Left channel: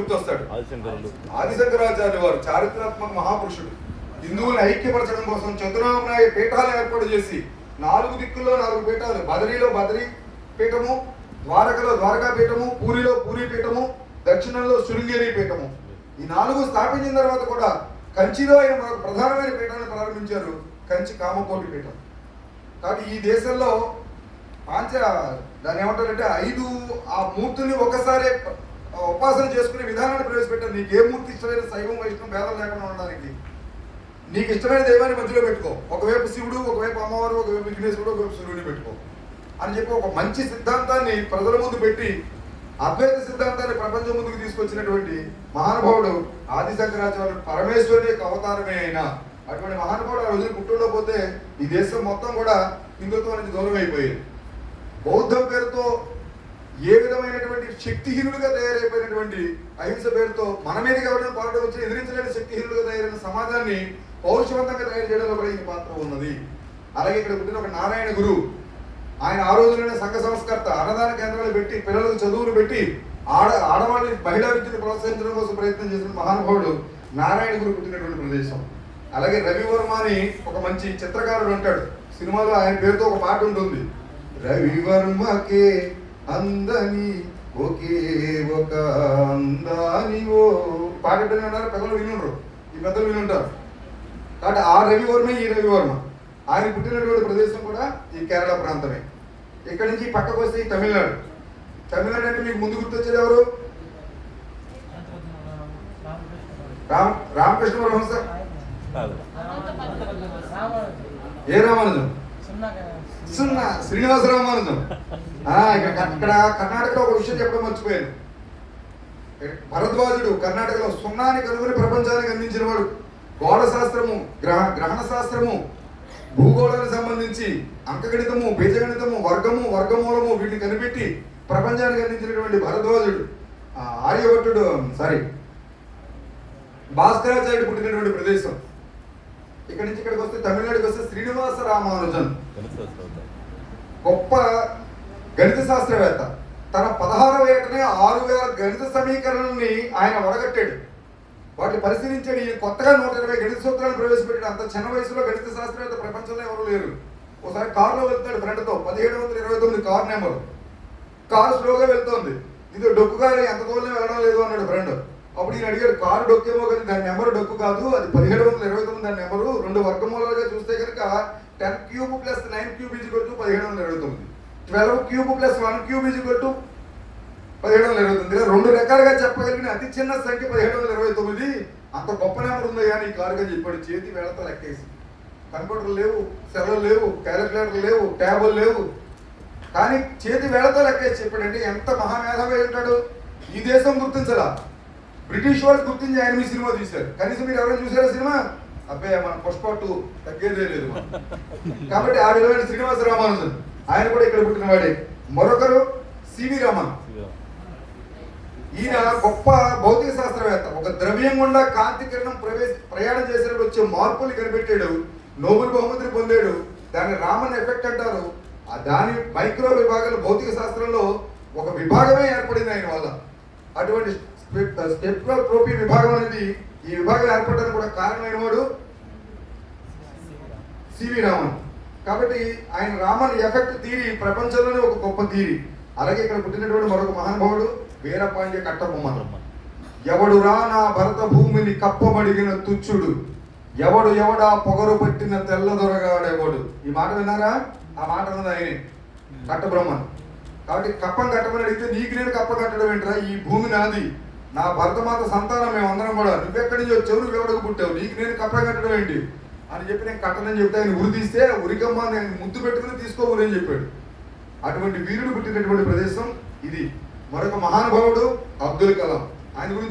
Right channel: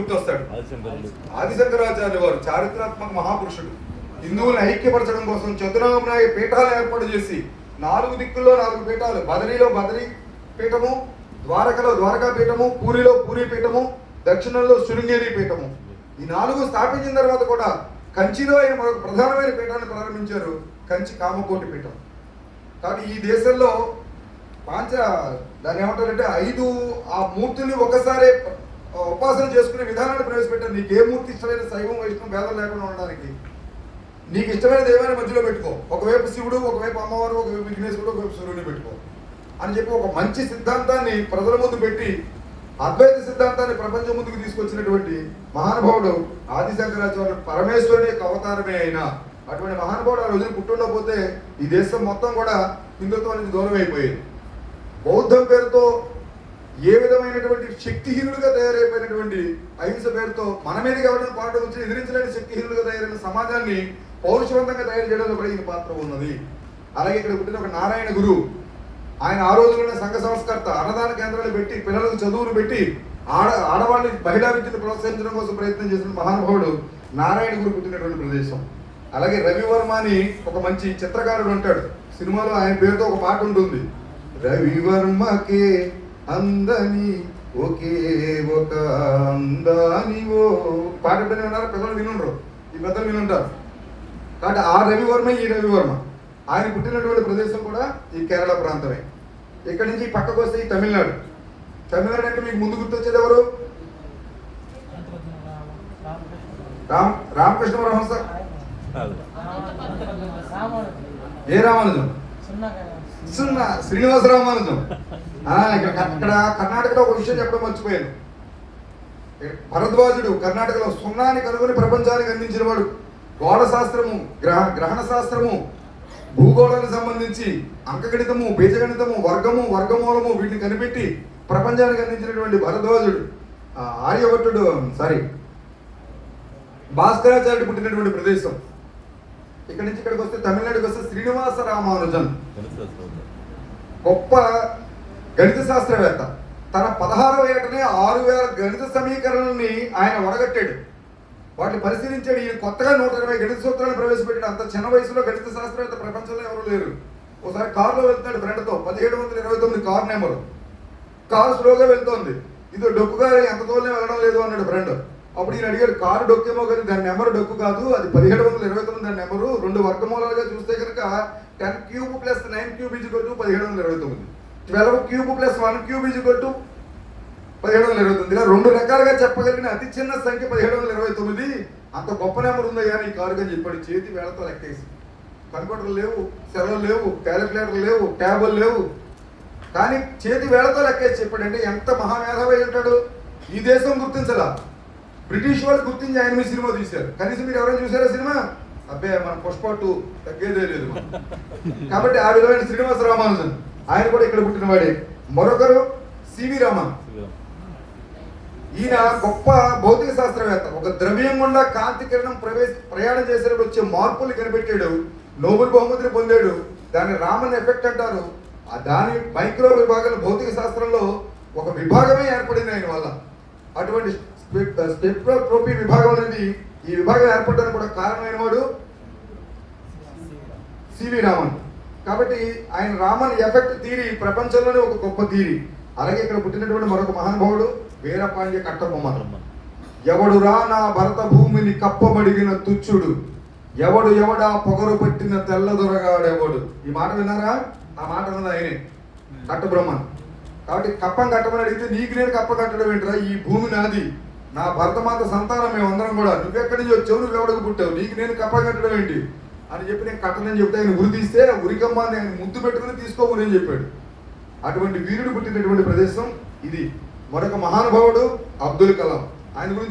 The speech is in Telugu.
గుర్తొస్తాడు. ఆదిశంకరాచార్యులు వారు చారిత్రాత్మక మహాపురుషుడు. హిందువులను ఐక్యపరచడం కోసం చతురామునాయ పీఠాలు ఏర్పాటు చేసి 4 దిక్కుల్లో 4 పీఠాలు, బదరీలో బదరీ పీఠము, ద్వారకలో ద్వారకా పీఠము, పూరిలో పూరి పీఠము, దక్షిణంలో శృంగేరి పీఠము. ఈ 4 స్థాపించిన తర్వాత కూడా కంచిలో ఆయన మరొక ప్రధానమైన పీఠాన్ని ప్రారంభించారు, కంచి కామకోటి పీఠం. కాబట్టి ఈ దేశంలో దాన్ని ఏమంటారంటే 5 ఆ మూర్తుల్ని ఒకసారి ఉపాసన చేసుకునే విధానాన్ని ప్రవేశపెట్టారు. నీకు ఏ మూర్తి ఇష్టమైన శైవం వైష్ణవం భేదం లేకుండా ఉండడానికి నీకు ఇష్టమైన దైవాన్ని మధ్యలో పెట్టుకో. ఒకవైపు శివుడు, ఒకవైపు అమ్మవారు, ఒకవైపు విఘ్నేశ్వరుడు, ఒకవైపు సూర్యుడిని పెట్టుకో అని చెప్పి ఒక మంచి సిద్ధాంతాన్ని ప్రజల ముందు పెట్టి అద్వైత సిద్ధాంతాన్ని ప్రపంచం ముందుకు తీసుకొచ్చినటువంటి మహానుభావుడు ఆదిశంకరాచార్యులు. పరమేశ్వరుని యొక్క అవతారమే అయినా అటువంటి మహానుభావుడు ఆ రోజున పుట్టుల్లో పోతే ఈ దేశం మొత్తం కూడా హిందుత్వం నుంచి దూరం అయిపోయింది. బౌద్ధం పేరుతో ఏ విధమైనటువంటి శక్తిహీనులుగా తయారైపోయినటువంటి అహింస పేరుతో మన మీదకి ఎవరైనా పాటలు వచ్చి ఎదిరించలేని శక్తిహీనులుగా తయారైన సమాజాన్ని పౌరుషవంతంగా తయారు చేయడంలో కూడా ఈ పాత్ర ఉన్నది. అలాగే ఇక్కడ పుట్టిన ఒక నారాయణ గురు, ఆయన ఆ రోజుల్లోనే సంఘ సంస్కర్త, అన్నదాన కేంద్రాలు పెట్టి పిల్లలకు చదువులు పెట్టి ఆడవాళ్ళని మహిళా విద్యను ప్రోత్సహించడం కోసం ప్రయత్నం చేసిన మహానుభావుడు నారాయణ గురు పుట్టినటువంటి ప్రదేశం. అలాగే రవివర్మ అని ఒక మంచి చిత్రకారుడు అంటాడు. సినిమాలో ఆయన పేరుతో ఒక పాట ఉంటుంది, రవివర్మకే అందని ఒకే ఒక అందాని ఓ పాట ఉన్నారు. పెద్దలు వినుండ్రు, ఈ పెద్దలు వినుంటారు. కాబట్టి ఆ రవివర్మ ఈ రవివర్మ ఆయన పుట్టినటువంటి ప్రదేశం కూడా ఈ కేరళ ప్రాంతమే. ఇక్కడి నుంచి పక్కకు వస్తే ఈ తమిళనాడు. తమిళనాడు అంటే మీకు ముందు గుర్తొచ్చేది ఎవరు? రామకృష్ణ పరమహంస. ఏ రామానుజం? శ్రీనివాస రామానుజం. అక్కడ కర్ణాటకలో ఒక విషయం చెప్పడం మర్చిపోయాను. భరద్వాజుడు కర్ణాటకలో సున్నాని కనుగొని ప్రపంచానికి అందించిన వాడు. గోడ శాస్త్రము, గ్రహణ శాస్త్రము, భూగోళానికి సంబంధించి అంకగణితము, బీజగణితము, వర్గమూలము వీటిని కనిపెట్టి ప్రపంచానికి అందించినటువంటి భరద్వాజుడు. ఆర్యభట్టుడు భాస్కరాచార్యుడు పుట్టినటువంటి ప్రదేశం. ఇక్కడి నుంచి ఇక్కడికి వస్తే తమిళనాడుకి వస్తే శ్రీనివాస రామానుజన్ గొప్ప గణిత శాస్త్రవేత్త. తన 16వ ఏటనే 6000 గణిత సమీకరణల్ని ఆయన వడగట్టాడు. వాటిని పరిశీలించాడు. ఈ కొత్తగా 120 గణిత సూత్రాలను ప్రవేశపెట్టాడు. అంత చిన్న వయసులో గణిత శాస్త్రవేత్త ప్రపంచంలో ఎవరు లేరు. ఒకసారి కారులో వెళ్తాడు ఫ్రెండ్తో, 1729 కారు నెంబర్. కారు స్లోగా వెళ్తోంది, ఇది డొక్కుగా ఎంత దూరం వెళ్ళడం లేదు అన్నాడు ఫ్రెండ్. అప్పుడు ఈయన అడిగాడు, కారు డొక్కేమో కానీ దాని నెంబర్ డొక్కు కాదు, అది 1729 దాని నెంబరు. 2 వర్గమూలాలుగా చూస్తే కనుక 10³ + 9³ = 1729, 12³ + 1³ = 1729. ఇలా 2 రకాలుగా చెప్పగలిగిన అతి చిన్న సంఖ్య 1729. అంత గొప్ప నెంబర్ ఉందయ్యా నీ కారుగా చెప్పాడు. చేతి వేళతో లెక్కేసి. కంప్యూటర్లు లేవు, సెలవులు లేవు, క్యాలిక్యులేటర్లు లేవు, ట్యాబులు లేవు, కానీ చేతి వేళతో లెక్కేసి చెప్పాడంటే ఎంత మహామేధావి ఉంటాడు. ఈ దేశం గుర్తించలా, బ్రిటిష్ వాళ్ళు గుర్తించి ఆయన మీ సినిమా తీశారు. కనీసం మీరు ఎవరైనా చూసారా సినిమా? అబ్బే మన పుష్ప 2 తగ్గేదే లేదు. కాబట్టి ఆ విధమైన శ్రీనివాస రామానుజన్ ఆయన కూడా ఇక్కడ పుట్టినవాడే. మరొకరు సివి రామన్. ఈయన గొప్ప భౌతిక శాస్త్రవేత్త. ఒక ద్రవ్యం గుండా కాంతి కిరణం ప్రయాణం చేసేటప్పుడు వచ్చే మార్పులు కనిపెట్టాడు. నోబెల్ బహుమతిని పొందాడు. దాన్ని రామన్ ఎఫెక్ట్ అంటారు. దాని మైక్రో విభాగాలు భౌతిక శాస్త్రంలో ఒక విభాగమే ఏర్పడింది ఆయన వల్ల. అటువంటి స్పెక్ట్రోస్కోపీ విభాగం అనేది ఈ విభాగం ఏర్పడడానికి కూడా కారణమైన వాడు సివి రామన్. కాబట్టి ఆయన రామన్ ఎఫెక్ట్ థియరీ ప్రపంచంలోనే ఒక గొప్ప థియరీ. అలాగే ఇక్కడ పుట్టినటువంటి మరొక మహానుభావుడు వీరపాండ్య కట్టబొమ్మ. ఎవడురా నా భరత భూమిని కప్పబడిగిన తుచ్చుడు, ఎవడా పొగరు పట్టిన తెల్లదొరగాడెవడు. ఈ మాట విన్నారా? ఆ మాట అన్నది ఆయనే, కట్టబ్రహ్మన్. కాబట్టి కప్పం కట్టమని అడిగితే నీకు నేను కప్ప కట్టడం ఏంట్రా, ఈ భూమి నాది, నా భరతమాత సంతానం మేమందరం కూడా, నువ్వెక్కడి నుంచి వచ్చావు, నువ్వెవడకు పుట్టావు, నీకు నేను కప్ప కట్టడం ఏంటి అని చెప్పి నేను కట్టనని చెప్తే ఆయన ఉరి తీస్తే ఉరికమ్మ నేను ముద్దు పెట్టుకుని తీసుకోమని చెప్పాడు. అటువంటి వీరుడు పుట్టినటువంటి ప్రదేశం ఇది. మరొక మహానుభావుడు అబ్దుల్ కలాం. ఆయన గురించి